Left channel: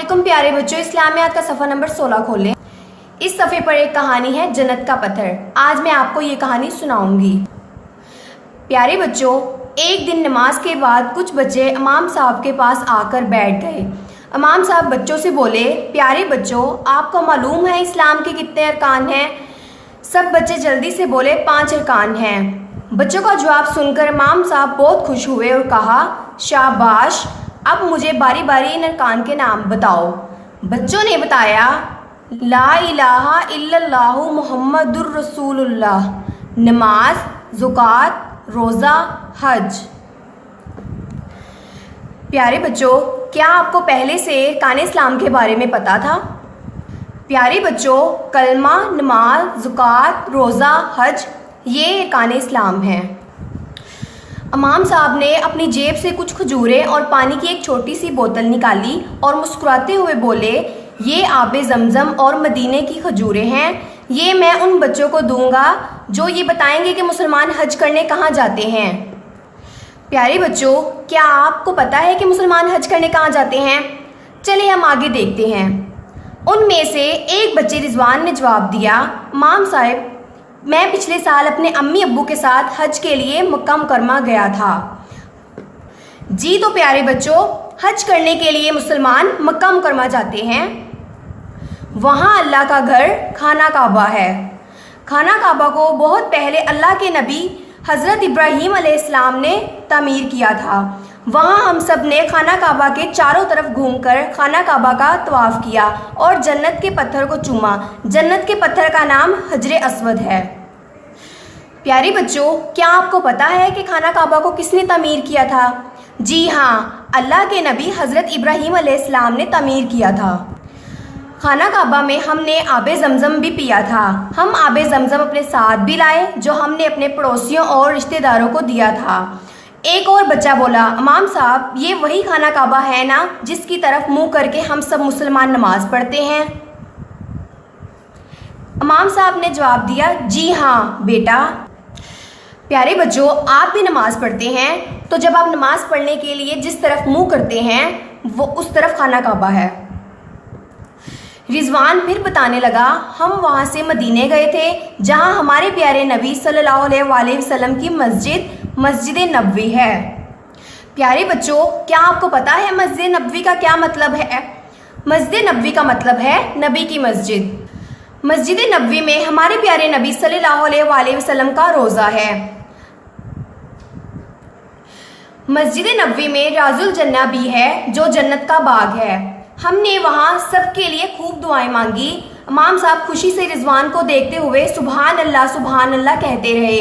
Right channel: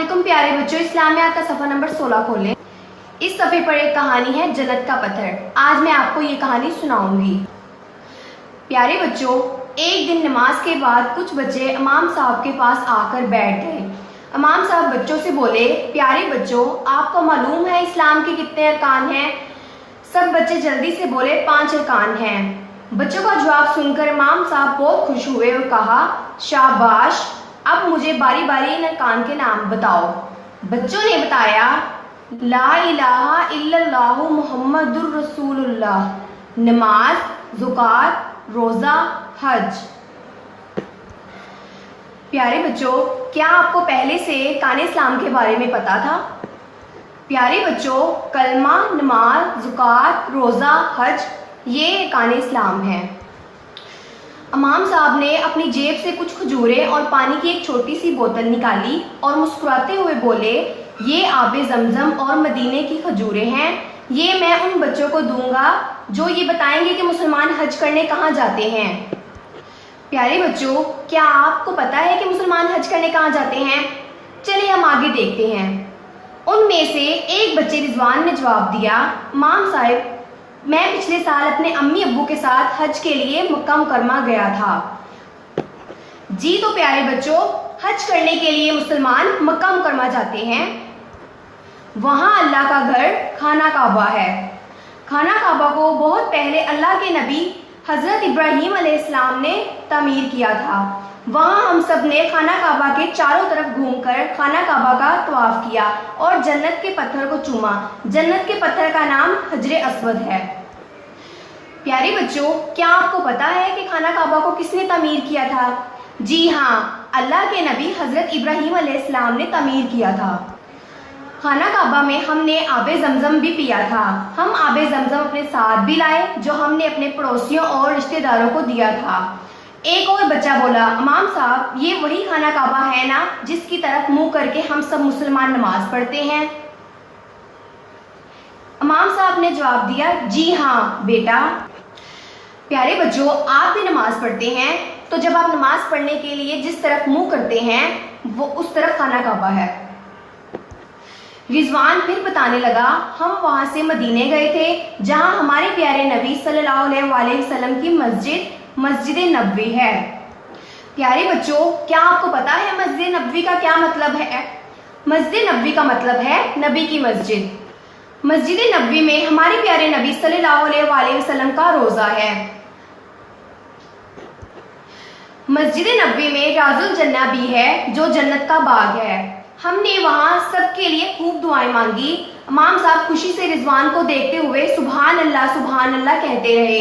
अस्सलामुअलैकुम प्यारे बच्चों, इस्लामियात का सफ़ा नंबर 16 खोलें। इस सफ़े पर एक कहानी है जन्नत का पत्थर। आज मैं आपको ये कहानी सुनाऊंगी। प्यारे बच्चों, एक दिन नमाज के बाद कुछ बच्चे इमाम साहब के पास आकर बैठ गए। इमाम साहब बच्चों से बोले, प्यारे बच्चों, आपको मालूम है इस्लाम के कितने अरकान हैं? सब बच्चे जल्दी से बोले, 5 अरकान हैं। बच्चों का जवाब सुनकर इमाम साहब बहुत खुश हुए और कहा, शाबाश, अब मुझे बारी बारी इन अरकान के नाम बताओ। बच्चों ने बताया, ला इलाहा इल्लल्लाहु मुहम्मदुर रसूलुल्लाह, नमाज, ज़ुकात, रोज़ा, हज। प्यारे बच्चों, क्या आपको पहले से अरकान इस्लाम के बारे में पता था? प्यारे बच्चों, कलमा, नमाज, ज़ुकात, रोज़ा, हज, ये अरकान इस्लाम है। इमाम साहब ने अपनी जेब से कुछ खजूरें और पानी की एक छोटी सी बोतल निकाली और मुस्कुराते हुए बोले, ये आबे ज़मज़म और मदीने की खजूरें हैं। ये मैं उन बच्चों को दूंगा जो ये बताएंगे कि मुसलमान हज करने कहाँ जाते हैं। प्यारे बच्चों, क्या आपको पता है कि मुसलमान हज करने कहाँ जाते हैं? चलिए हम आगे देखते हैं। उनमें से एक बच्चे रिजवान ने जवाब दिया, इमाम साहब, मैं पिछले साल अपने अम्मी अब्बू के साथ हज के लिए मक्का मुकरमा गया था। जी तो प्यारे बच्चों, हज करने के लिए मुसलमान मक्का मुकरमा जाते हैं। वहाँ अल्लाह का घर खाना काबा है। खाना काबा को बहुत पहले अल्लाह के नबी हज़रत इब्राहीम अलैहिस्सलाम ने तामीर किया था। वहाँ हम सब ने खाना काबा के चारों तरफ घूमकर खाना काबा का तवाफ़ किया और जन्नत के पत्थर को चूमा। जन्नत के पत्थर का नाम हजरे अस्वद है। प्यारे बच्चों, क्या आपको पता है कि खाना काबा को किसने तामीर किया था? जी हाँ, अल्लाह के नबी हज़रत इब्राहीम अलैहिस्सलाम ने तामीर किया था। खाना काबा में हमने आबे ज़मज़म भी पिया था। हम आबे ज़मज़म अपने साथ भी लाए जो हमने अपने पड़ोसियों और रिश्तेदारों को दिया था। एक और बच्चा बोला, इमाम साहब, ये वही खाना काबा है ना जिसकी तरफ मुंह करके हम सब मुसलमान नमाज पढ़ते हैं? इमाम साहब ने जवाब दिया, जी हाँ बेटा। प्यारे बच्चों, आप भी नमाज पढ़ते हैं, तो जब आप नमाज पढ़ने के लिए जिस तरफ मुंह करते हैं वो उस तरफ खाना काबा है। रिजवान फिर बताने लगा, हम वहाँ से मदीने गए थे जहाँ हमारे प्यारे नबी सल्लल्लाहु अलैहि वसल्लम की मस्जिद नबवी है। प्यारे बच्चों, क्या आपको पता है मस्जिद नबवी का क्या मतलब है? मस्जिद नबवी का मतलब है नबी की मस्जिद। मस्जिद नबवी में हमारे प्यारे नबी सल्लल्लाहु अलैहि वसल्लम का रोज़ा है। मस्जिद नबवी में राजुल जन्ना भी है जो जन्नत का बाग है। हमने वहाँ सबके लिए खूब दुआएं मांगी। इमाम साहब खुशी से रिजवान को देखते हुए सुभान अल्लाह कहते रहे।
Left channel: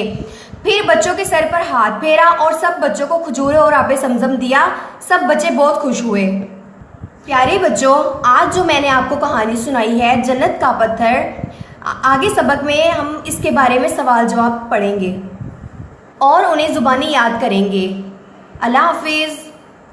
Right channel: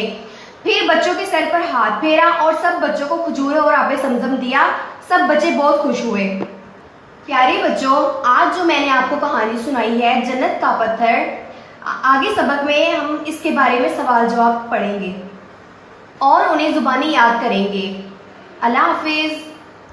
फिर बच्चों के सर पर हाथ फेरा और सब बच्चों को खजूरें और आबे ज़मज़म दिया। सब बच्चे बहुत खुश हुए। प्यारे बच्चों, आज जो मैंने आपको कहानी सुनाई है जन्नत का पत्थर, आगे सबक में हम इसके बारे में सवाल जवाब पढ़ेंगे और उन्हें ज़ुबानी याद करेंगे। अल्लाह हाफिज़।